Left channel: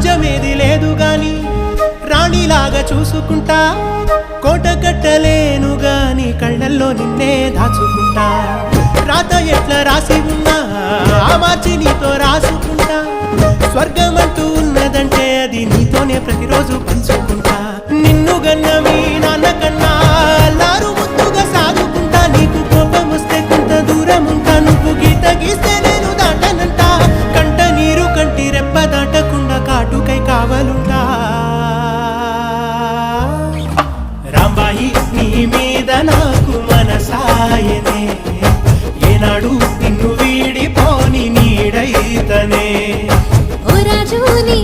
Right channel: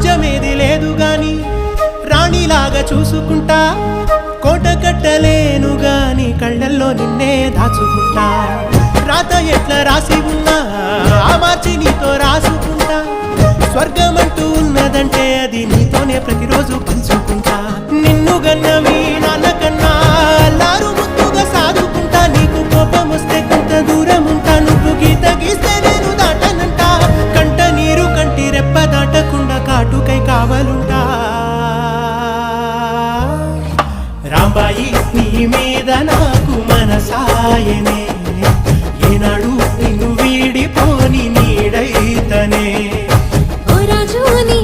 రాజ్యమేది లేదు గాని రాణిలాగా చూసుకుంటా కోట కట్టలేను గాని కళ్ళల్లో నిన్నే దాచుకుంటా రాత ఎట్లా రాసి ఉన్నా ఆ మార్చి నీతో రాసుకుంటా స్వర్గమంటూ ఉన్నదంటే అది నీతోనే ప్రతిరోజు పంచుకుంటా నిన్ను గన్న మీ నాన్న కన్నా అల్లారు ముద్దుగా సాదుకుంటా నీకు కోపం వస్తే కొంత దూరం ఉంటా నువ్వు గీత గీస్తే నేను దాటనంట కంట నీరు కంటి రెప్ప దాటకుండా కాటుకై కావలుంటా రాంబాయి నీ మీద నాకు మనసాయనే ఏనాడు నిన్ను వీడిపోని నీడైతనే ఓ రాజు నీ